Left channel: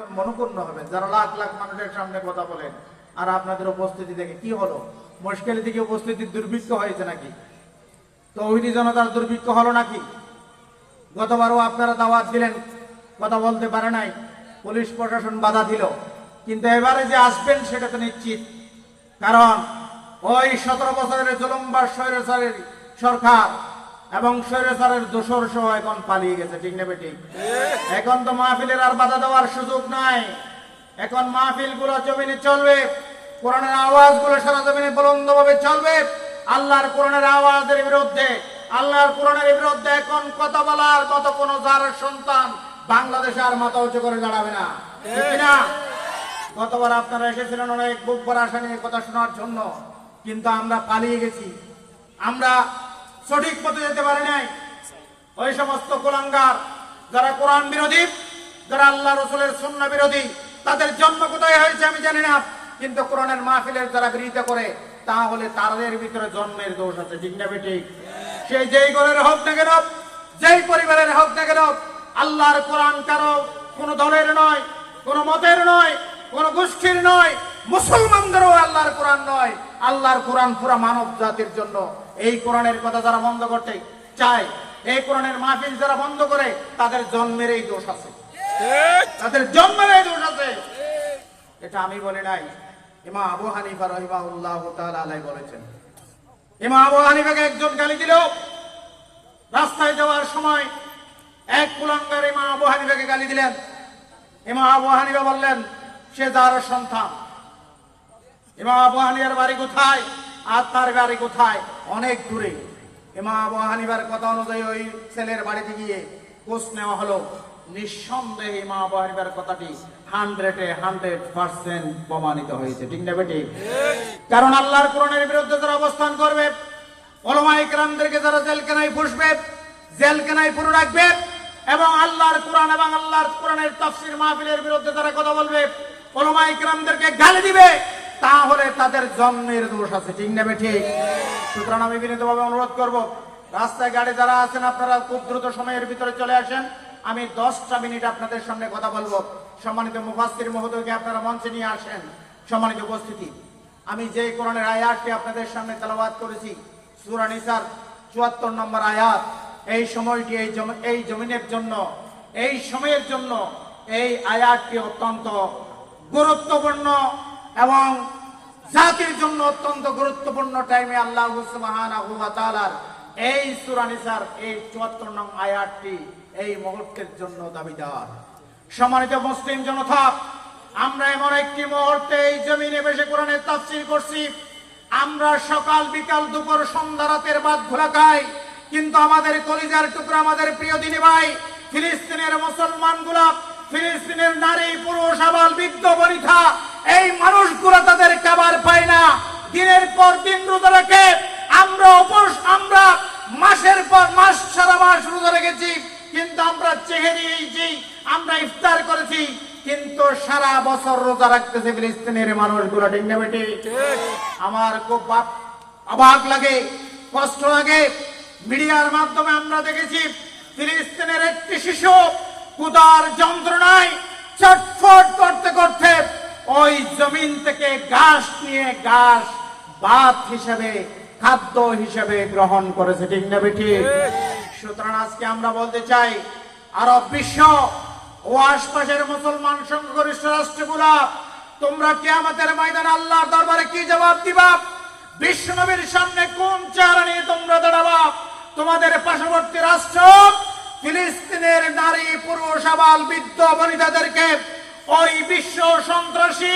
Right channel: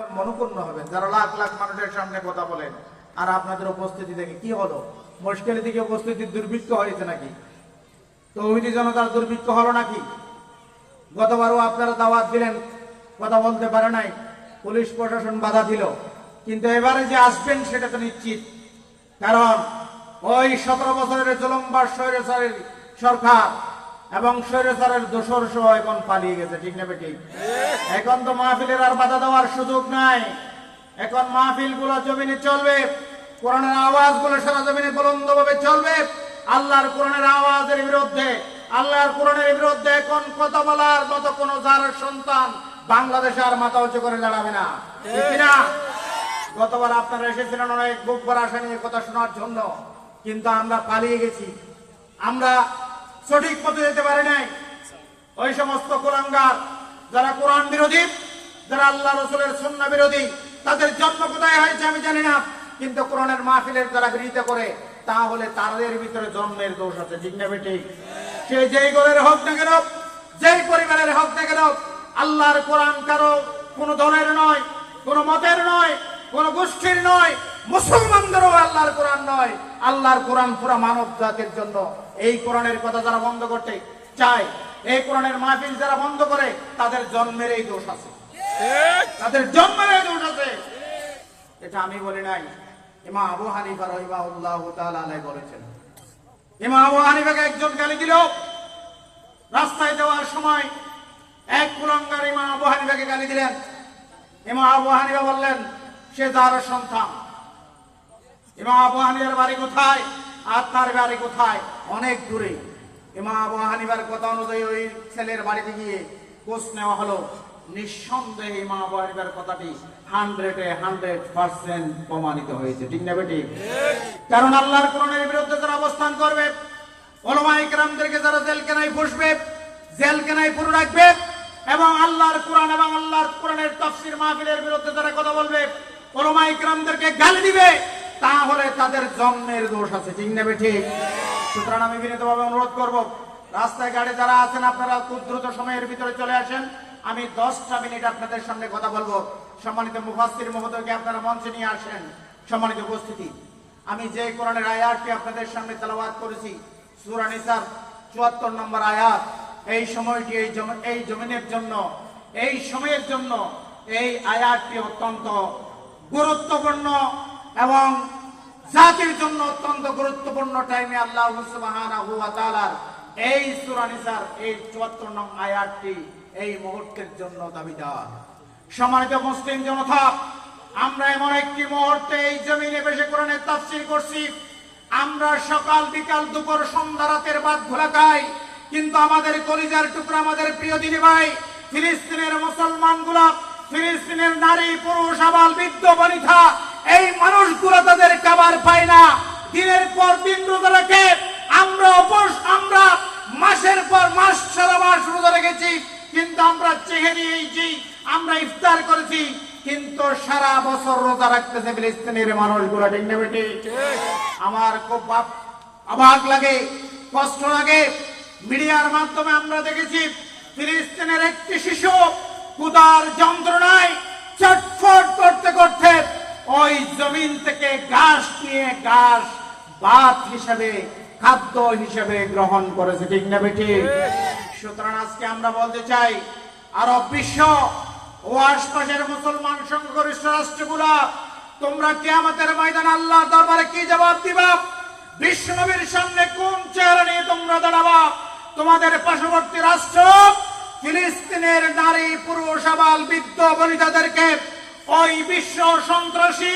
মনোপূর্ণ হবেন যারা লাখ লাখ মানুষের সামনে কথা বলেন। আর আপনাদের উপস্থিতি দেখে কি হলো, মুশকিল থেকে উপস্থিতির দুর্ভিক্ষ হয়েছে নাকি? তৌহিদি জনতার দুর্ভিক্ষ হলো নাকি? গতবারও আপনারা দাওয়াত দিলেন, কথা বলতে পারে নাই, পুলিশ প্রশাসন বাধা দিল। কিন্তু এবারে যে আসবেন সেটা তো নিশ্চিত, কারণ ওই 17 বছরের জুলুমবাজ স্বৈরাচারের সরকার এবং স্বৈরাচারের দোসর সহ এখন পালিয়ে গেছে। ঠিক না বেটি? এখন তো মাহফিলের আর বাধা দেওয়ার সুযোগ নাই। এখন মাহফিল গুলো জমিনে চলবে, কোরআনের আওয়াজ গুলো সারা জমিনে বুলন্দ ভাবে চলবে। আল্লাহর কোরআনের আওয়াজের বিরুদ্ধে, আল্লাহর কোরআনের বিরুদ্ধে এখন কথা বলার মতো কোন যার সন্তান বাংলাদেশে আর মাথা উঁচু করে দাঁড়াবে না। ঠিক না? গতবার আপনারা এসেছিলেন অনেক বুক ভরা আশা নিয়ে কথা শোনার জন্য, কিন্তু আমরা পালিয়ে গেছি। আমরা সঠিক পথে যেতে পারি নাই। ওই সমস্ত কুলাঙ্গার যারা কোরআন বিরোধী, যারা আল্লাহ রসুলের সুন্নাহ বিরোধী, তাদের জন্ম কোথায় হয়েছে আমি জানি না, কিন্তু কোরআনের মাহফিলের যারা বিরোধিতা করে তাহলে তাদের ভিতরে জন্মের দোষ আছে। ঠিক না বেটি? সে যেই ঘরের হোক না কেন, যেই পরিবারের হোক না কেন, আল্লাহর কোরআন কারো কোন দলের নয়, কোন মতের নয়, কোন গোষ্ঠীর নয়, মুসলমানদেরও আল্লাহর কোরআন নয়। আল্লাহর কোরআন পুরা মানব জাতির জন্য। এই কোরআনের কথা যারা বন্ধ করতে চায়, এই কোরআনের মাহফিল যারা বন্ধ করে, তাদের জন্মের এই দোষ আছে, তাদের জন্মের এই দোষ আছে। এটা আমি বলি নাই, ইমাম আবু হানিফা রাহিমাহুল্লাহু তাআলা আলাইহি বলেছেন। ইমাম আবু হানিফাকে একজন গালি দিল রাস্তায় যাওয়ার সময়। এক কুলাঙ্গার ইমাম আবু হানিফাকে গালি দিলেন। ইমাম আবু হানিফা বললেন সে তার সন্তান। ইমাম আবু হানিফার বাড়ি কোথায় আর তার বাড়ি কোথায়? অনেক দূরে। ইমাম আবু হানিফার কথা অনুযায়ী ওই ছেলের বাড়িতে গিয়ে খোঁজ নেওয়া হলো। নিঃসন্দেহে ইমাম আবু হানিফার কথাটি 100% প্রমাণিত হয়েছে। ঠিক না বেটি? কারণ আল্লাহর কোরআনের বিরুদ্ধে যারা অবস্থান করবে, উলামায়ে কেরামদেরকে যারা জেলখানায় বসবে, জেলখানায় পুরো রাখবে, এবং আল্লাহর কোরআন এবং আল্লাহর কোরআনের তাফসীর মাহফিলের বিরুদ্ধে যারা কথা বলবে, উলামায়ে কেরামদেরকে গালি দিবে, তাহলে তাদের জন্মের দোষ আছে। ঠিক না বেটি? সুতরাং আমি বিনীতভাবে অনুরোধ করব, রাস্তায় গাড়ি যারা আছেন আপনারা খুব দ্রুত সময়ের ভিতরে চলে আসেন। আমি 10টা মিনিট আপনাদের সামনে কথা বলবো। সম্মানিত মুফাসসির মহোদয়কে আপনারা মঞ্চে নিয়ে আসেন। সম্মানিত উপস্থিতি, আমি যে কোরআনের আয়াতটি আপনাদের সামনে তেলাওয়াত করেছি, সূরা নিসার 74 নম্বর আয়াত, এই সময়টি এই জমিনের জন্য, এই সময়ের জন্য এই আয়াতটি অত্যন্ত গুরুত্বপূর্ণ এবং জাতির জন্য অত্যন্ত গুরুত্বপূর্ণ টাইমে আল্লাহ সুবহানাহু ওয়া তাআলা এই সূরা নিসার এই 74 নং আয়াতটি এই মুহূর্তের জন্য দাবিদার। সম্মানিত মুসলিম জনতা, আমরা এমন একটি মুহূর্তে এই জমিনে বসে কোরআনের তাফসীর করছি। আমরা সকাল বিকাল দুপুর সন্ধ্যা রাতের বাদ ভোলা খাই, কিন্তু আমাদের কলিজার টুকরা, আমাদের প্রিয় দিনী ভাই ফিলিস্তিনের মুসলমানগুলা, ফিলিস্তিনের নারী পুরুষ আবাল বৃদ্ধ বনিতা, এই মানুষগুলো তাদের খাবার পায় না। দিনের পর দিন রোজা রেখে আমরা মাসের পর মাস সারা মাস রোজা রেখেছি, কিন্তু আমরা চেহে নিয়েছি, আমরা ইফতার করেছি, কিন্তু সারা বছর রোজা রাখতেছে ফিলিস্তিনের মানুষগুলো। ঠিক না বেটি? আমার খুব অবাক লাগে, কষ্ট লাগে। মিডিয়ার মাধ্যমে আমরা দেখেছি ফিলিস্তিনের একটি শিশু ক্ষুধার যন্ত্রণায় ছটফট করতে করতে ওই জমিন থেকে ঘাস নিয়ে ঘাস ভাত হিসেবে, খাদ্য হিসেবে গ্রহণ করেছে। ঠিক না বেটি? সুতরাং আজকে আমরা বলতে চাই, আরব বিশ্ব ও আশপাশের মুসলমান সংখ্যাগরিষ্ঠ রাষ্ট্রগুলা, তোমরা কিয়ামতের ময়দানে আল্লাহর দরবারে কি জবাব দিবা? বিশ্বনবীর সামনে কোন চেহারা নিয়ে তোমরা দাঁড়াবা? তোমাদের পার্শ্ববর্তী রাষ্ট্র ফিলিস্তিনের নারী পুরুষ আবাল বৃদ্ধ বনিতাদেরকে ওই বিশ্ব সন্ত্রাসী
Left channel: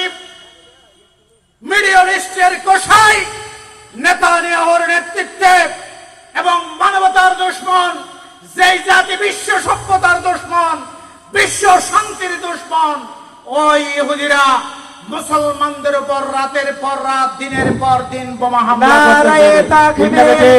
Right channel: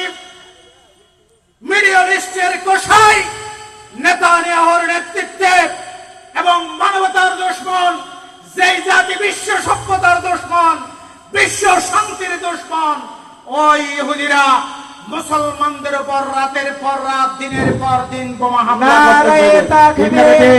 মিডল ইস্টের কোষাই নেতানিয়াহুর নেতৃত্বে এবং মানবতার দুশমন, যেই জাতি বিশ্ব সভ্যতার দুশমন, বিশ্ব শান্তির দুশমন, ওই ইহুদিরা মুসলমানদের উপর রাতের পর রাত, দিনের পর দিন বোমা হামলা করতেছে।